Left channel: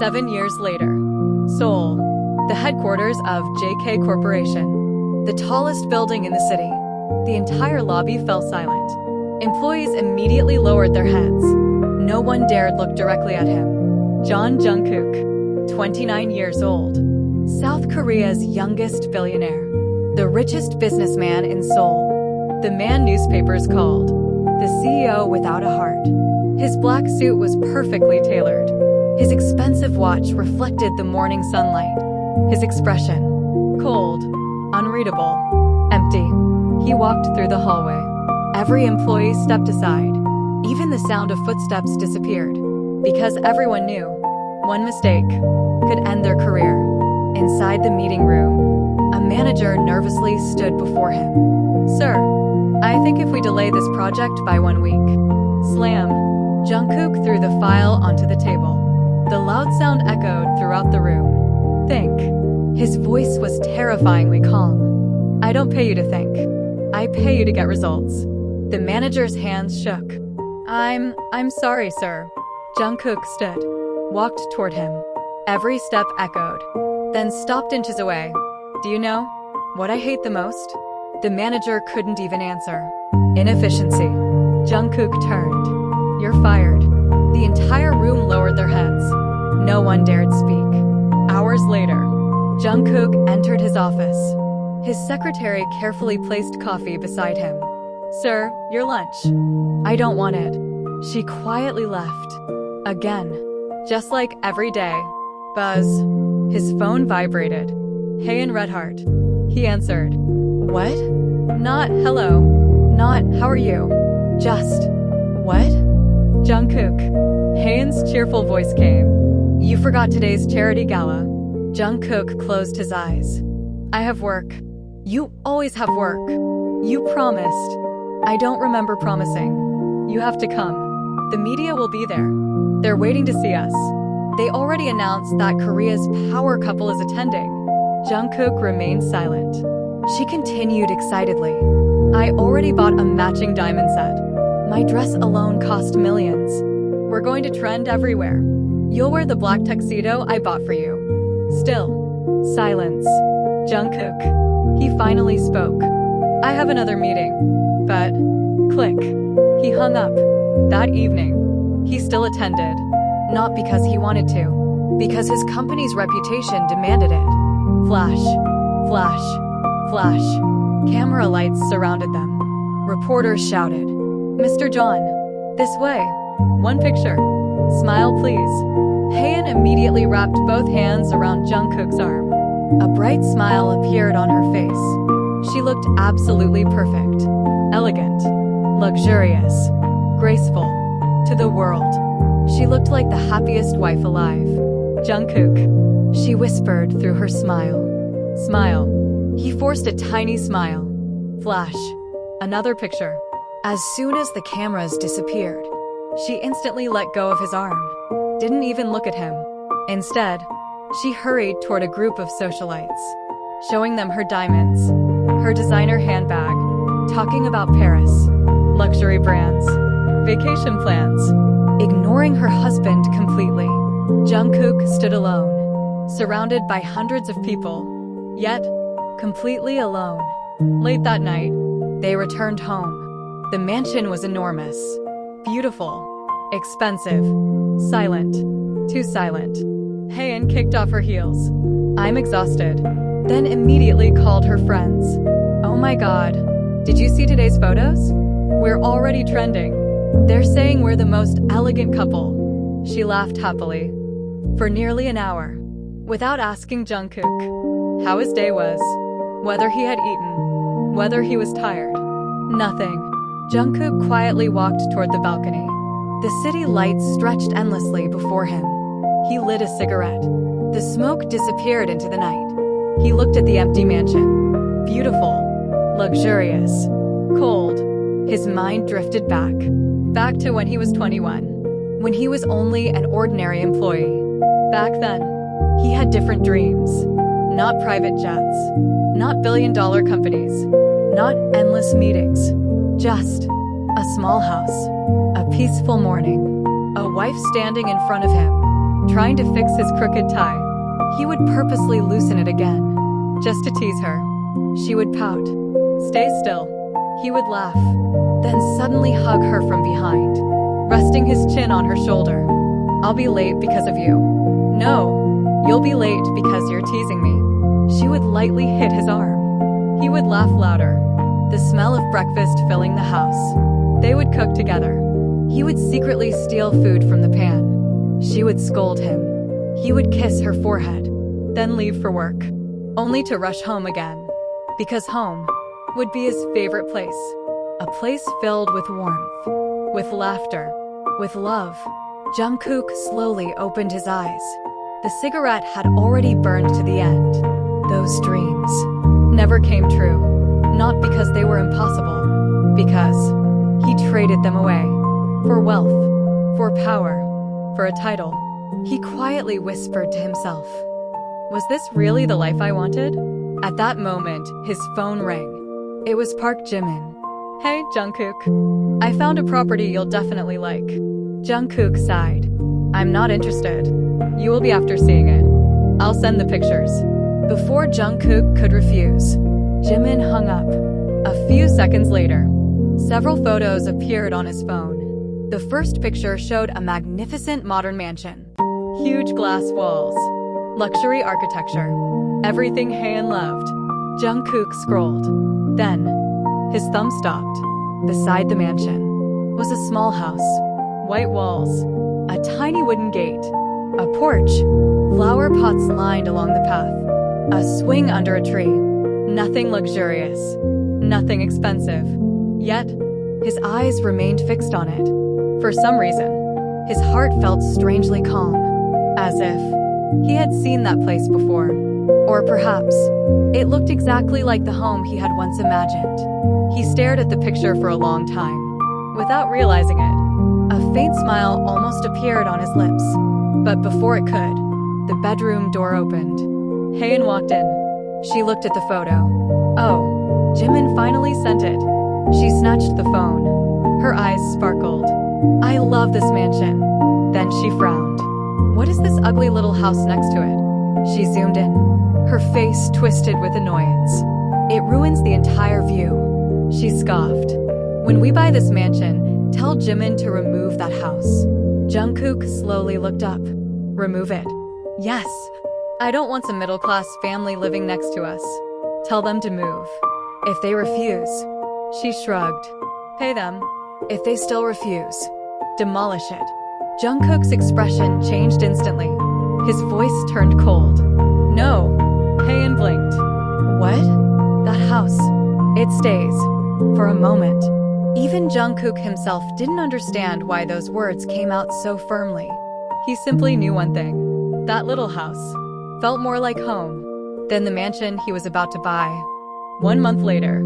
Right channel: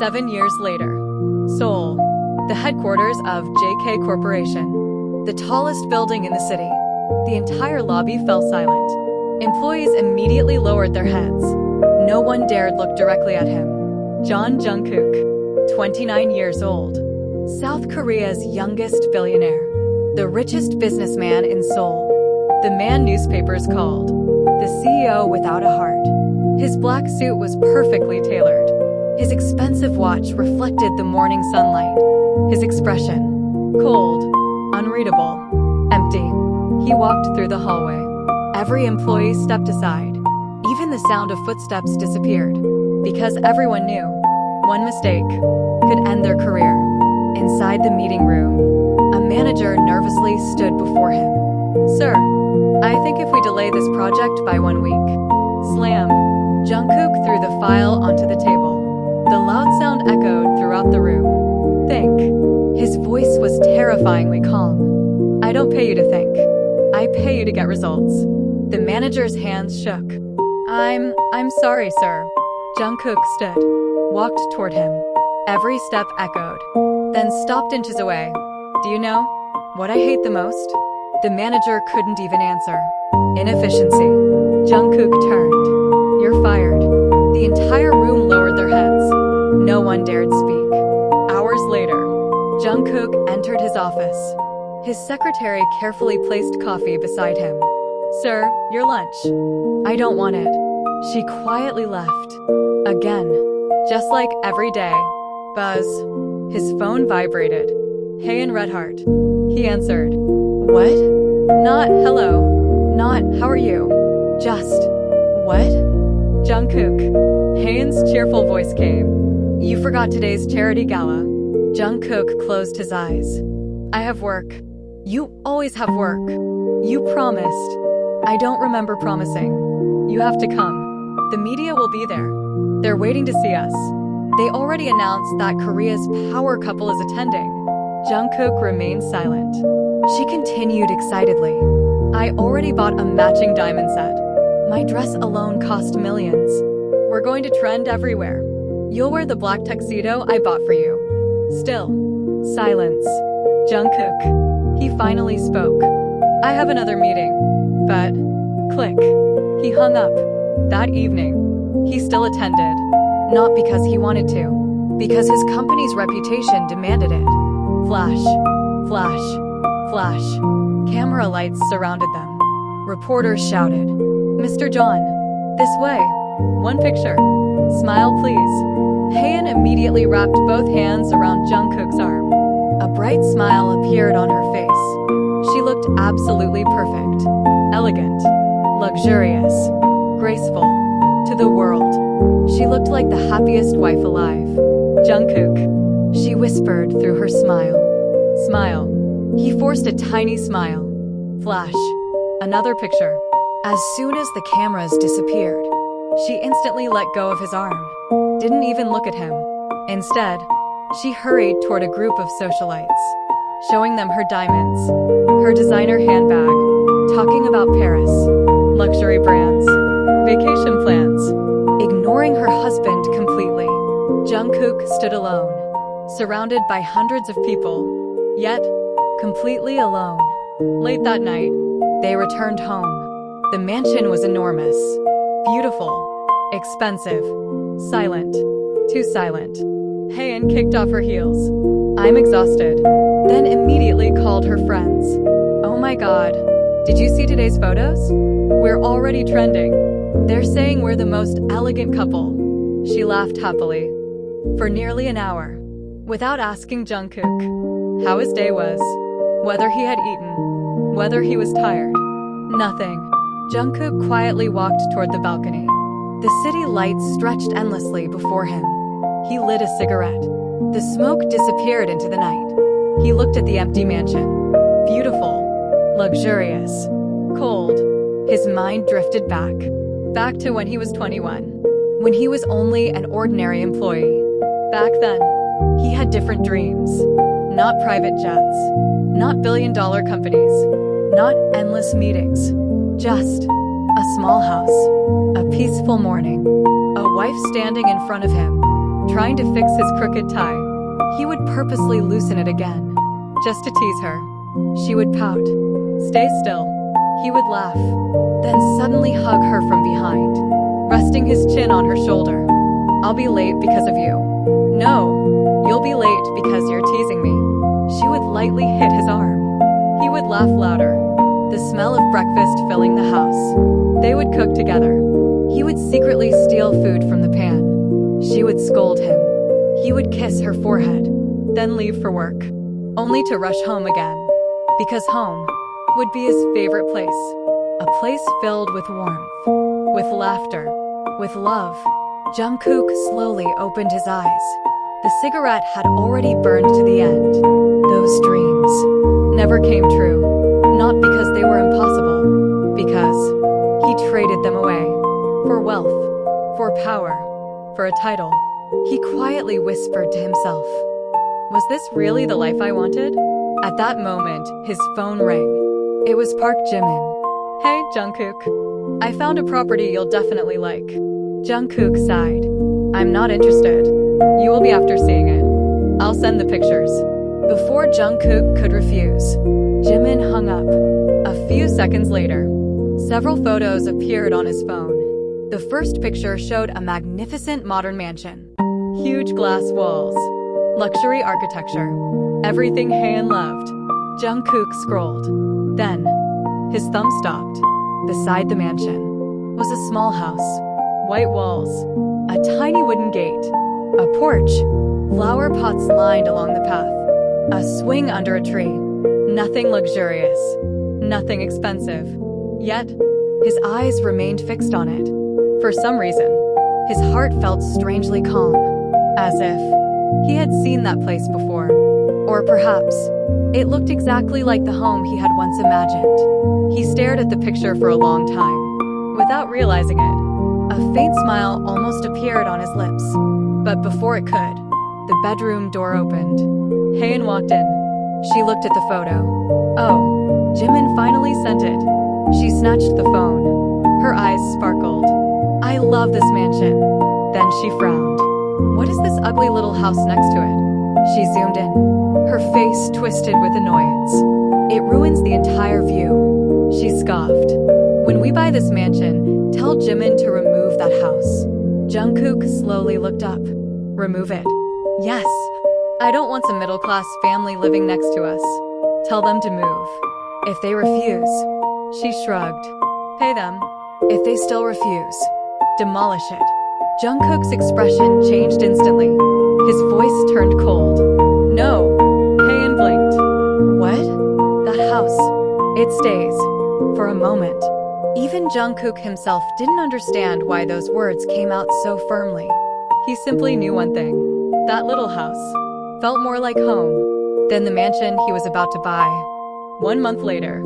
7 years later. Seoul, the headquarters of JK Corporation, the tallest building in the city. The entire lobby fell silent. Employees immediately lowered their heads. No one dared look directly at him. Jungkook, 29 years old, South Korea's youngest billionaire, the richest businessman in Seoul. The man newspapers called the CEO without a heart. His black suit was perfectly tailored. His expensive watch reflected the morning sunlight. His expression, cold, unreadable, empty. He walked through the hallway. Every employee stepped aside. Even the sound of footsteps disappeared, because everyone knew one mistake could end their career. Inside the meeting room, a manager nervously stood before him. "Sir, I think if we delay this project by 1 week." Slam! Jungkook threw the file onto the table. The loud sound echoed throughout the room. "Think." His voice was terrifyingly calm. "I don't pay you to think. I pay you to get results." The manager's hands shook. I'm sorry, sir." Jungkook stood, walked toward him. Every step echoed, then stopped inches away. "Do you know what I hate the most?" The manager couldn't even answer. "Inefficiency." Jungkook turned. "You're fired." The entire room lowered their heads. No one dared speak. Hours later, Jungkook entered his office. His secretary carefully placed coffee beside him. "Sir, your lunch." "I don't want it." She quietly left. Again, just like every day. Buzz. His phone vibrated. "Hey, in Redheart." He answered. "What?" Not hello. Not how are you. Just, what? Jungkook. Haeun's cheerful voice came. "You forgot today's charity gala." Jungkook closed his eyes. "I have work." "You always have work." "You promised." "I don't remember promising." "You have to come. The media will be there. They're waiting to see us." They already announced that Korea's power couple is attending. Jungkook remained silent. She continued excitedly. "I already bought a matching diamond set. My dress alone cost millions. We're going to trend everywhere. You'll wear the black tuxedo I bought for you." Still, silence. Jungkook. He finally spoke. "I have another meeting. But..." Click. He hung up. That evening, he still attended. Not because he wanted to, because his company's reputation demanded it. Flash. Flash. Flash. Camera lights surrounded them. Reporters shouted, "Mr. John, this way. One picture. Smile, please." Haeun immediately wrapped both hands around Jungkook's arm. A bright smile appeared on her face. She looked absolutely perfect. Elegant. Luxurious. Graceful. To the world, she looked like the happiest wife alive. "Jungkook," she whispered through her smile. "Smile." He forced a tiny smile. Flash. Another picture. As soon as the cameras disappeared, she instantly let go of his arm. Didn't even look at him. Instead, she hurried toward a group of socialites, showing them her diamonds, her designer handbag, talking about Paris, luxury brands, vacation plans, ignoring her husband completely. Jungkook stood alone, surrounded by hundreds of people, yet completely alone. Late that night, they returned home. The mansion was enormous, beautiful, expensive, silent, too silent. Haeun kicked off her heels. "I'm exhausted," then immediately called her friends. "Oh my god, did you see today's photos? We're already trending. They're saying we're the most elegant couple." She laughed happily. For nearly an hour, without asking Jungkook how his day was, whether he had eaten, whether he was tired. Nothing. Jungkook quietly walked toward the balcony. The city lights stretched endlessly before him. He lit a cigarette. The smoke disappeared into the night. He looked at the empty mansion. Beautiful. Luxurious. Cold. His mind drifted back to when he was 21, when he was only an ordinary employee. Back then, he had different dreams. Not private jets, not billion-dollar companies, not endless meetings. Just a small house, a peaceful morning, a wife standing in front of him, Trying to fix his crooked tie, he would purposely loosen it again, just to tease her. She would pout. Stay still. He would laugh, then suddenly hug her from behind, resting his chin on her shoulder. I'll be late because of you. No, you'll be late because you're teasing me. She would lightly hit his arm. He would laugh louder, the smell of breakfast filling the house. They would cook together. He would secretly steal food from the pan. She would scold him. He would kiss her forehead, then leave for work, only to rush home again. Because home would be his favorite place. A place filled with warmth, with laughter, with love. Jungkook slowly opened his eyes. The cigarette had already burned to the end. Those dreams never came true, not because they were impossible, because he traded them away. For wealth, for power, for a title. He quietly whispered to himself, was this really the life I wanted? At that moment, his phone rang. It was Park Jimin. Hey, Jungkook. I found a property you'll definitely like. Jungkook sighed. I'm not interested. You will be after seeing it. I'll send the pictures. Before Jungkook could refuse, Jimin hung up. A few seconds later, several photos appeared on his phone. The first picture showed a magnificent modern mansion. Huge glass walls. Luxury architecture. Everything Haein loved. Jungkook scrolled. Then, his thumb stopped. Beside the mansion was a small house. White walls. A tiny wooden gate. A porch. Flower pots lined along the path. A swing under a tree. Nothing luxurious. Nothing expensive. Yet, his eyes remained fixed on it. For some reason, his heart felt strangely calm, as if he had seen that place before. Or perhaps, it looked exactly like the home he had once imagined. He stared at the picture for a long time, without realizing it. A faint smile almost appeared on his lips. But before it could, the bedroom door opened. Haein walked in. She looked at the photo. Oh, Jimin finally sent it. She snatched the phone. Her eyes sparkled. I love this mansion. Then she frowned. What is this ugly little house next to it? She zoomed in. Her face twisted with annoyance. It ruins the entire view. She scoffed. When we buy this mansion, tell Jimin to remove that house. Jungkook slowly looked up. Remove it. Yes. I don't want some middle-class family living next to us. Tell them to move. If they refuse, she shrugged. Pay them. If they still refuse, demolish it. Jungkook's expression changed instantly. His voice turned cold. No. Haein blinked. What? That house. It stays. For a moment. Even Jungkook himself didn't understand why those words came out so firmly. He simply knew one thing. That little house felt more like home than the mansion he was about to buy. 1 month later,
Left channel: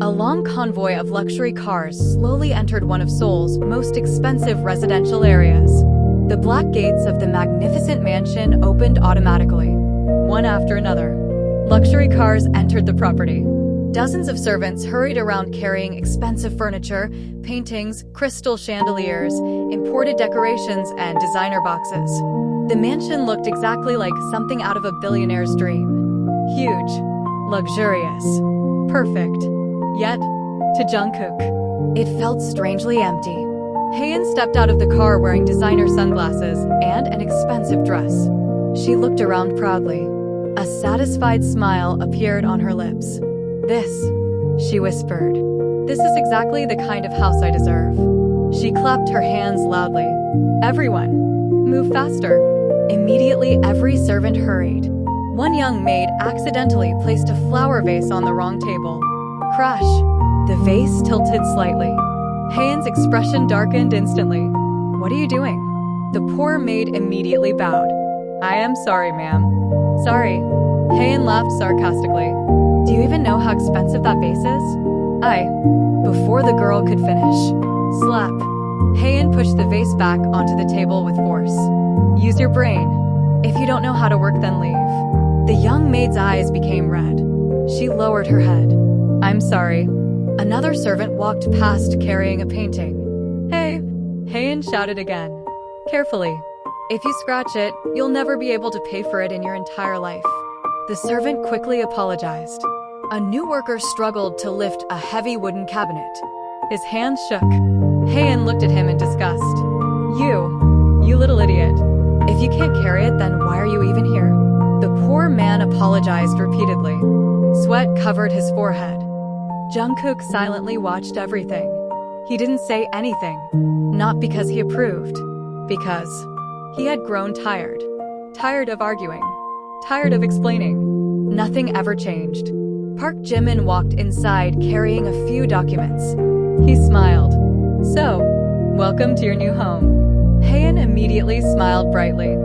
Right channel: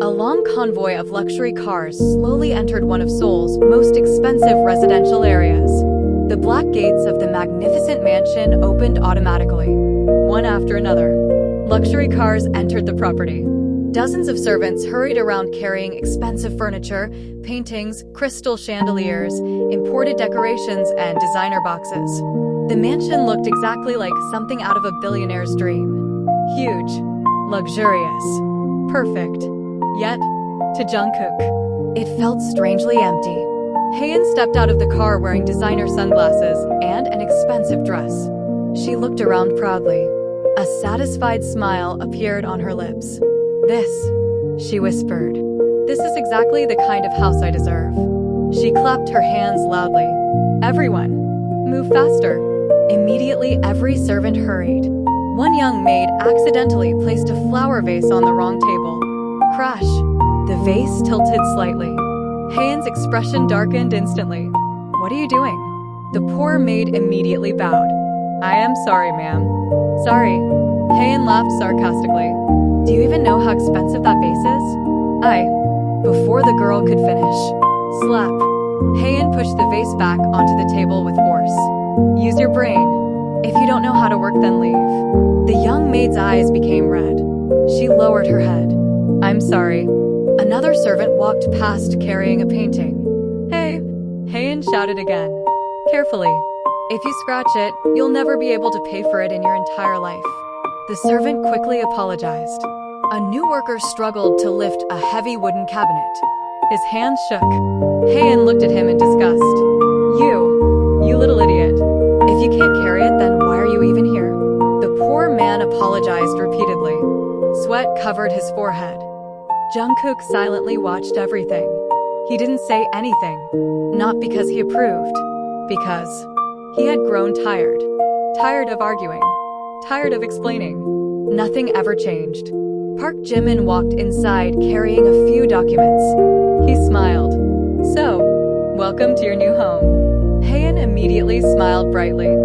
a long convoy of luxury cars slowly entered one of Seoul's most expensive residential areas. The black gates of the magnificent mansion opened automatically, one after another. Luxury cars entered the property. Dozens of servants hurried around carrying expensive furniture, paintings, crystal chandeliers, imported decorations, and designer boxes. The mansion looked exactly like something out of a billionaire's dream. Huge, luxurious, perfect. Yet, to Jungkook, it felt strangely empty. Haein stepped out of the car wearing designer sunglasses and an expensive dress. She looked around proudly. A satisfied smile appeared on her lips. This, she whispered. This is exactly the kind of house I deserve. She clapped her hands loudly. Everyone, move faster. Immediately, every servant hurried. One young maid accidentally placed a flower vase on the wrong table. Crash. The vase tilted slightly. Haein's expression darkened instantly. What are you doing? The poor maid immediately bowed. I am sorry, ma'am. Sorry. Haein laughed sarcastically. Do you even know how expensive that vase is? Before the girl could finish. Slap. Haein pushed the vase back onto the table with force. Use your brain. If you don't know how to work, then leave. The young maid's eyes became red. She lowered her head. I'm sorry. Another servant walked past carrying a painting. Hey! Haein shouted again. Carefully. If you scratch it, you'll never be able to pay for it in your entire life. The servant quickly apologized. A new worker struggled to lift a heavy wooden cabinet. His hands shook. Haein looked at him in disgust. You little idiot. If you can't carry it, then why are you even here? The poor man apologized repeatedly. Sweat covered his forehead. Jungkook silently watched everything. He didn't say anything. Not because he approved. Because he had grown tired. Tired of arguing. Tired of explaining. Nothing ever changed. Park Jimin walked inside carrying a few documents. He smiled. So, welcome to your new home. Haein immediately smiled brightly.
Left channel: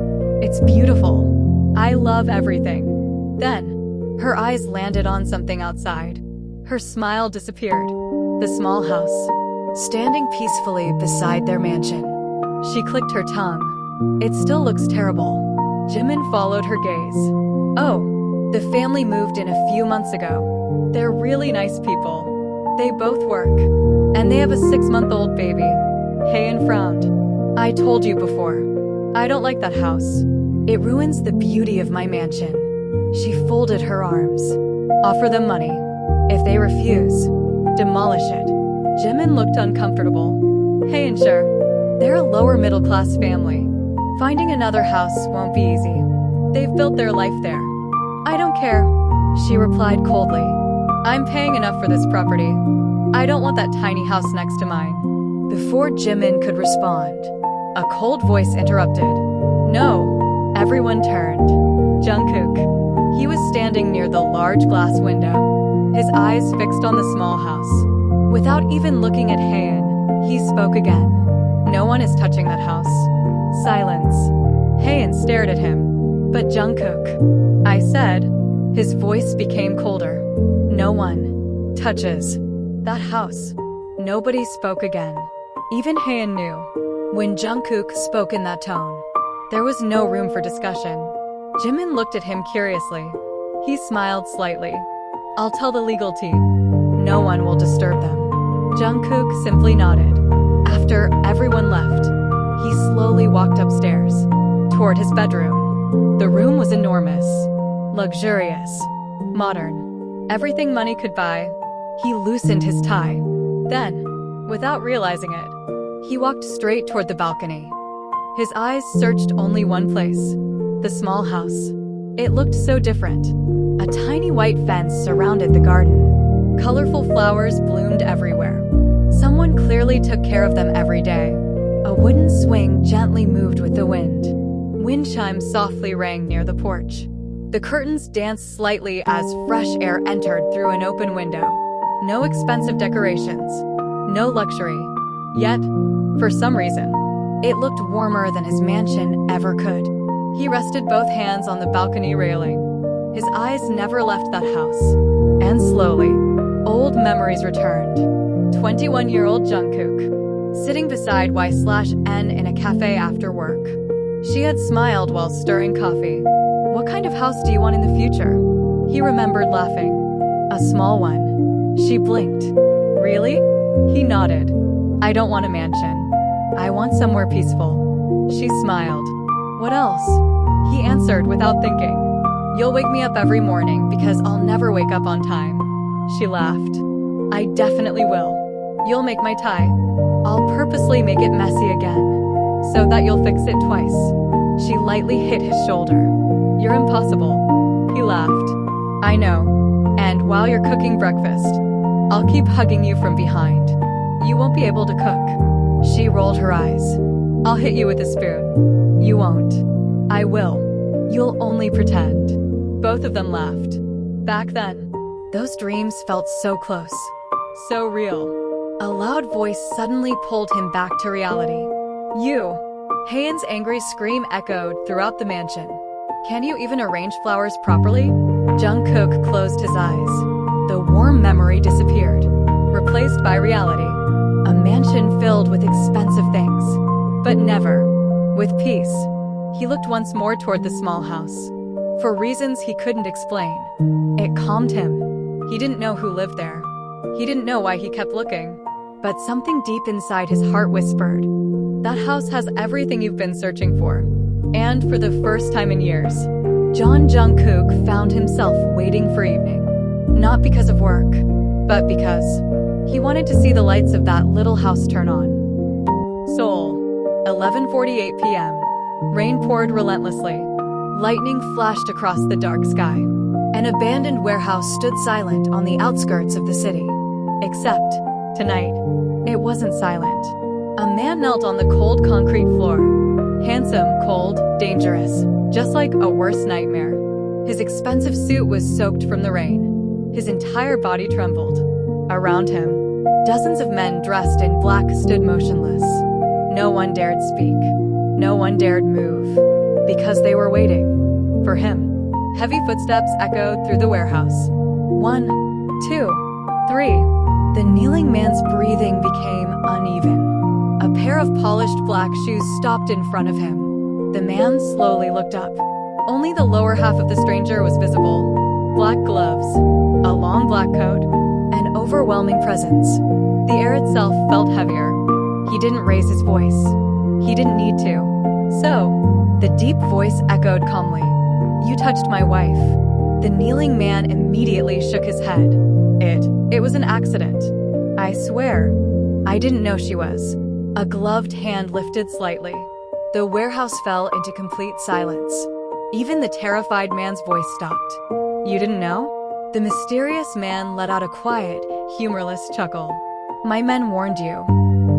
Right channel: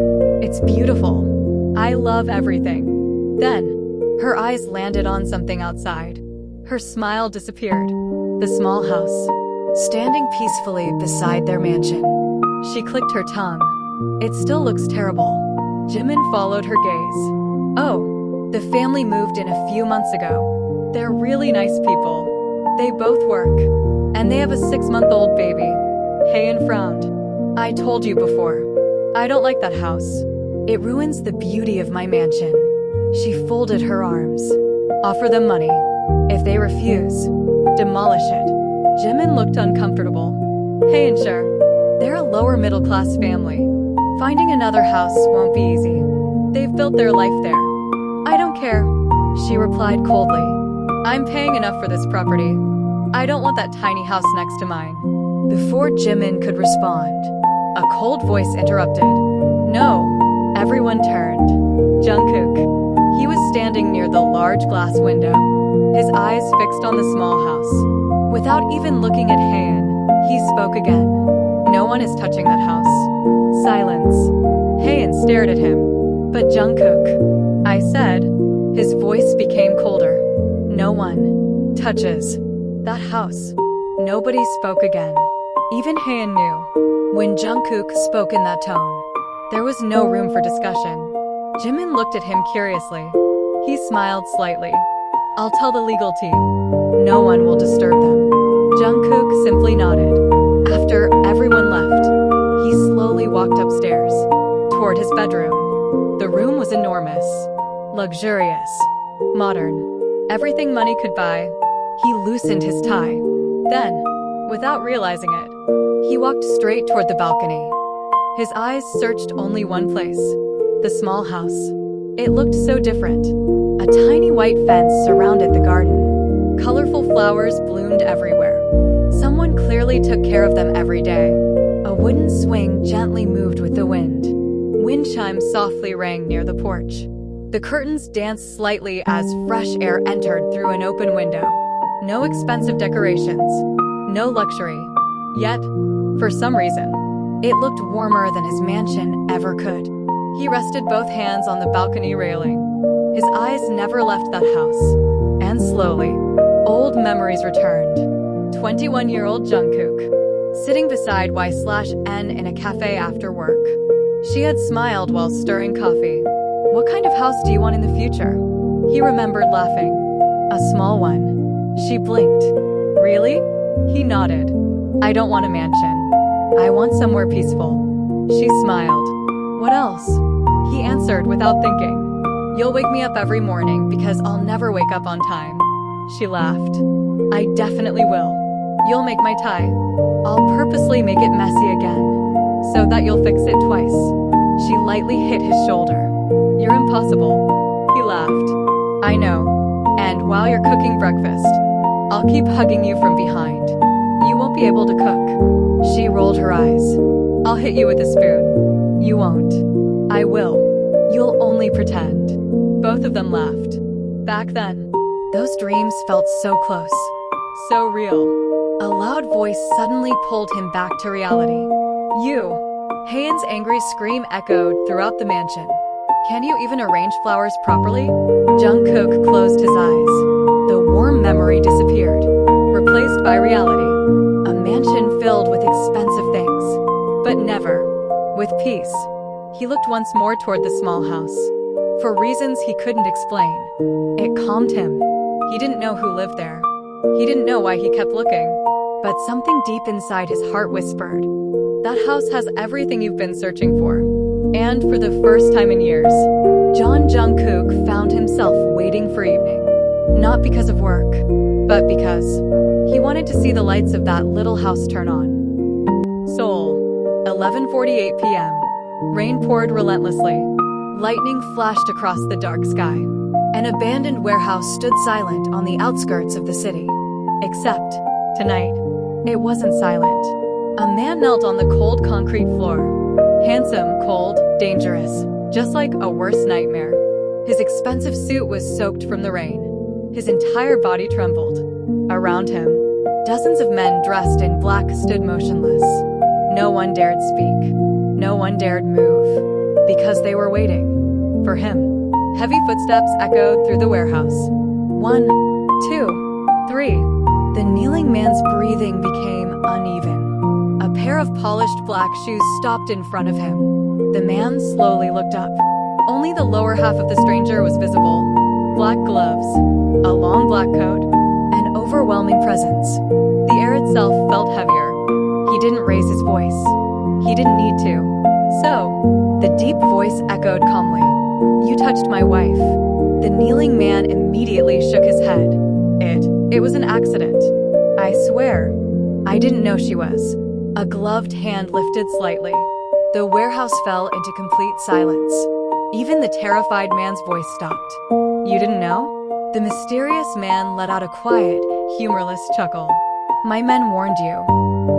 It's beautiful. I love everything. Then, her eyes landed on something outside. Her smile disappeared. The small house, standing peacefully beside their mansion. She clicked her tongue. It still looks terrible. Jimin followed her gaze. Oh, the family moved in a few months ago. They're really nice people. They both work. And they have a 6-month-old baby. Haein frowned. I told you before. I don't like that house. It ruins the beauty of my mansion. She folded her arms. Offer them money. If they refuse, demolish it. Jimin looked uncomfortable. Haein, sure. They're a lower middle-class family. Finding another house won't be easy. They've built their life there. I don't care, she replied coldly. I'm paying enough for this property. I don't want that tiny house next to mine. Before Jimin could respond, a cold voice interrupted. No. Everyone turned. Jungkook. He was standing near the large glass window, his eyes fixed on the small house. Without even looking at Haein, he spoke again. No one is touching that house. Silence. Haein stared at him. But Jungkook. I said. His voice became colder. No one touches that house. Nobody spoke again. Even Haein knew. When Jungkook spoke in that tone, there was no room for discussion. Jimin looked at him curiously. He smiled slightly. I'll tell the legal team. No one will disturb them. Jungkook simply nodded. After everyone left, he slowly walked upstairs, toward his bedroom. The room was enormous, luxurious, modern. Everything money could buy. He loosened his tie. Then, without realizing it, he walked straight toward the balcony. His eyes searched only one place, the small house. It looked so different. A tiny white fence surrounded the garden. Colorful flowers bloomed everywhere. Someone clearly took care of them every day. A wooden swing gently moved with the wind. Wind chimes softly rang near the porch. The curtains danced slightly as fresh air entered through an open window. No expensive decorations. No luxury. Yet, for some reason, it looked warmer than his mansion ever could. He rested both hands on the balcony railing. His eyes never left that house. And slowly, old memories returned. 21-year-old Jungkook, sitting beside Y/N in a cafe after work. She had smiled while stirring coffee. What kind of house do you want in the future? He remembered laughing. A small one. She blinked. Really? He nodded. I don't want a mansion. I want somewhere peaceful. She smiled. What else? He answered without thinking. You'll wake me up every morning because I'll never wake up on time. She laughed. I definitely will. You'll make my tie. I'll purposely make it messy again, so that you'll fix it twice. She lightly hit his shoulder. You're impossible. He laughed. I know. And while you're cooking breakfast, I'll keep hugging you from behind. You won't be able to cook. She rolled her eyes. I'll hit you with a spoon. You won't. I will. You'll only pretend. Both of them laughed. Back then, those dreams felt so close. So real. A loud voice suddenly pulled him back to reality. You! Haein's angry scream echoed throughout the mansion. Can you even arrange flowers properly? Jungkook closed his eyes. The warm memory disappeared, replaced by reality. A mansion filled with expensive things, but never with peace. He looked once more toward the small house. For reasons he couldn't explain, it calmed him. He didn't know who lived there. He didn't know why he kept looking. But something deep inside his heart whispered, that house has everything you've been searching for. And for the first time in years, Jungkook found himself waiting for evening. Not because of work, but because he wanted to see the lights of that little house turn on. Seoul, 11:48 p.m. Rain poured relentlessly. Lightning flashed across the dark sky. An abandoned warehouse stood silent on the outskirts of the city. Except, tonight, it wasn't silent. A man knelt on the cold concrete floor. Handsome, cold, dangerous, just like a worst nightmare. His expensive suit was soaked from the rain. His entire body trembled. Around him, dozens of men dressed in black stood motionless. No one dared speak. No one dared move. Because they were waiting. For him. Heavy footsteps echoed through the warehouse. 1, 2, 3. The kneeling man's breathing became uneven. A pair of polished black shoes stopped in front of him. The man slowly looked up. Only the lower half of the stranger was visible. Black gloves, a long black coat, an overwhelming presence. The air itself felt heavier. He didn't raise his voice. He didn't need to. So, the deep voice echoed calmly. "You touched my wife." The kneeling man immediately shook his head. It was an accident. "I swear, I didn't know she was." A gloved hand lifted slightly. The warehouse fell into complete silence. Even the terrified man's voice stopped. "You didn't know?" The mysterious man let out a quiet, humorless chuckle. "My men warned you.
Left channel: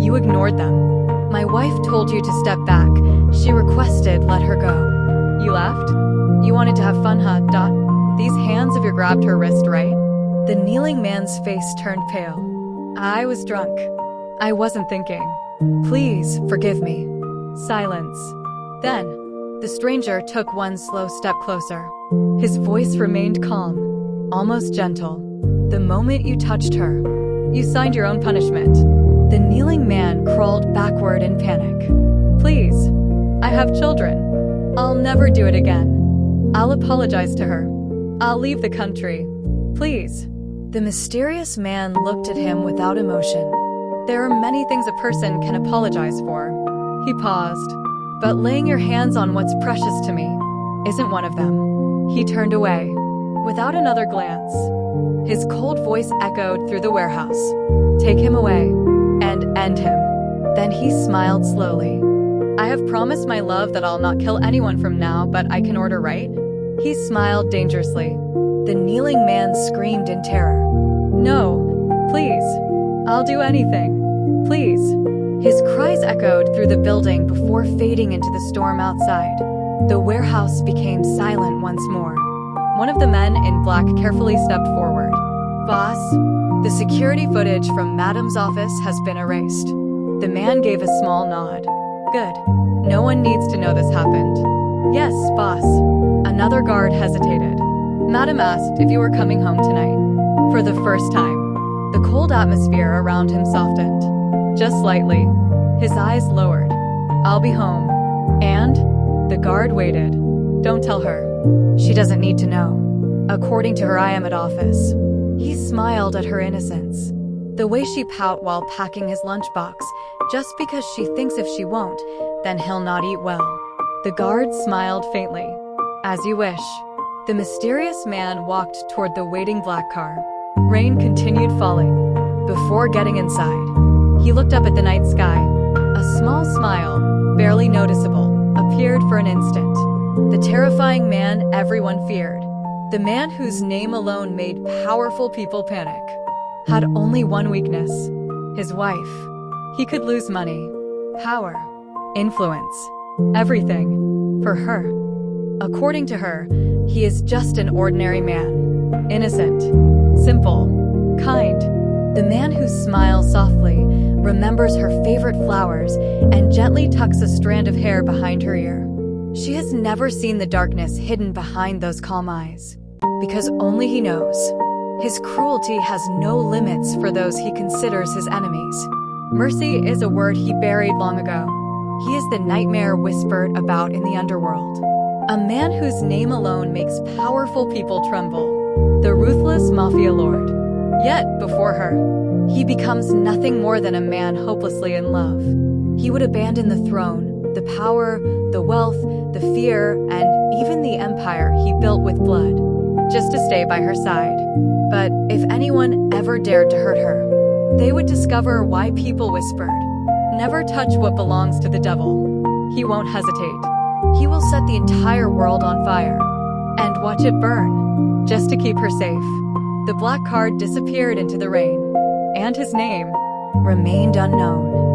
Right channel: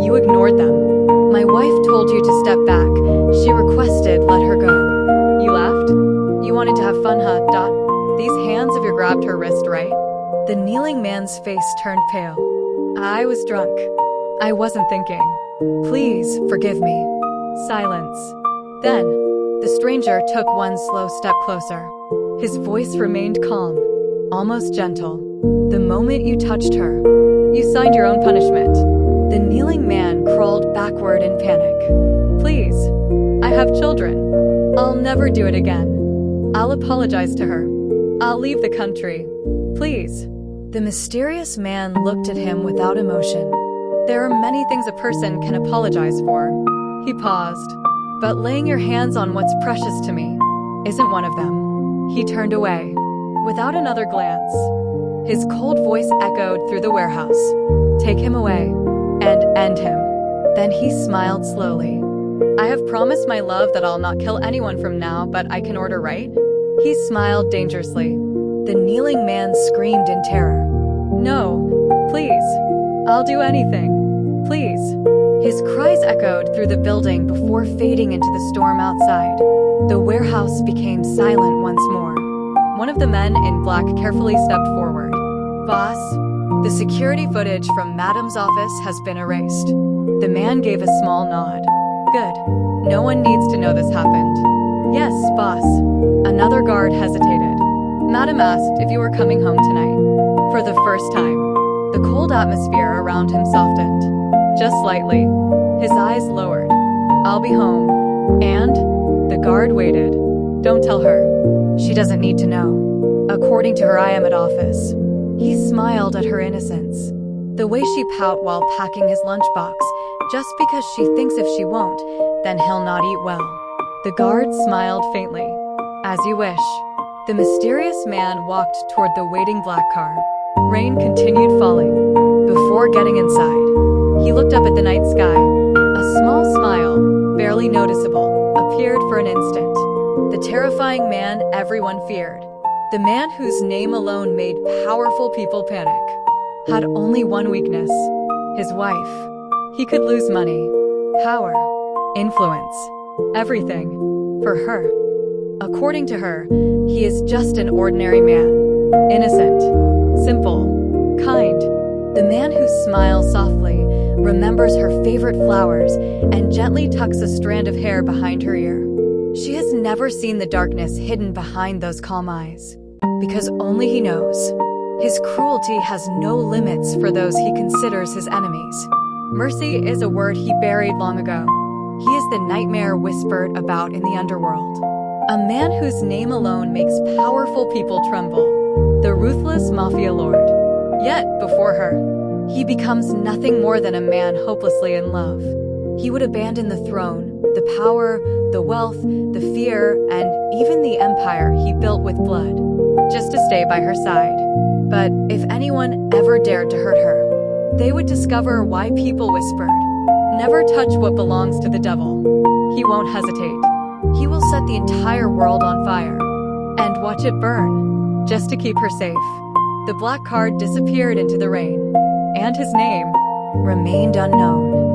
You ignored them. My wife told you to step back. She requested let her go. You laughed? You wanted to have fun, huh? These hands of yours grabbed her wrist, right?" The kneeling man's face turned pale. "I was drunk. I wasn't thinking. Please forgive me." Silence. Then, the stranger took one slow step closer. His voice remained calm, almost gentle. "The moment you touched her, you signed your own punishment." The kneeling man crawled backward in panic. "Please, I have children. I'll never do it again. I'll apologize to her. I'll leave the country. Please." The mysterious man looked at him without emotion. There are many things a person can apologize for. He paused. "But laying your hands on what's precious to me isn't one of them." He turned away, without another glance. His cold voice echoed through the warehouse. "Take him away, and end him." Then he smiled slowly. "I have promised my love that I'll not kill anyone from now, but I can order, right?" He smiled dangerously. The kneeling man screamed in terror. "No, please. I'll do anything. Please." His cries echoed through the building before fading into the storm outside. The warehouse became silent once more. One of the men in black carefully stepped forward. "Boss, the security footage from Madam's office has been erased." The man gave a small nod. "Good. No one needs to know this happened." "Yes, boss." Another guard hesitated. "Madam asked if you were coming home tonight." For the first time, the cold atmosphere around him softened. Just slightly. His eyes lowered. "I'll be home." "And?" The guard waited. "Don't tell her. She doesn't need to know. According to her, I am at office." He smiled at her innocence. The way she pout while packing his lunchbox, just because she thinks if she won't, then he'll not eat well. The guard smiled faintly. "As you wish." The mysterious man walked toward the waiting black car. Rain continued falling. Before getting inside, he looked up at the night sky. A small smile, barely noticeable, appeared for an instant. The terrifying man everyone feared, the man whose name alone made powerful people panic, had only one weakness: his wife. He could lose money, power, influence, everything, for her. According to her, he is just an ordinary man. Innocent, simple, kind. The man who smiles softly, remembers her favorite flowers, and gently tucks a strand of hair behind her ear. She has never seen the darkness hidden behind those calm eyes, because only he knows. His cruelty has no limits for those he considers his enemies. Mercy is a word he buried long ago. He is the nightmare whispered about in the underworld. A man whose name alone makes powerful people tremble. The ruthless mafia lord. Yet, before her, he becomes nothing more than a man hopelessly in love. He would abandon the throne, the power, the wealth, the fear, and even the empire he built with blood, just to stay by her side. But if anyone ever dared to hurt her, they would discover why people whispered, "Never touch what belongs to the devil." He won't hesitate. He will set the entire world on fire and watch it burn, just to keep her safe. The black card disappeared into the rain, and his name remained unknown.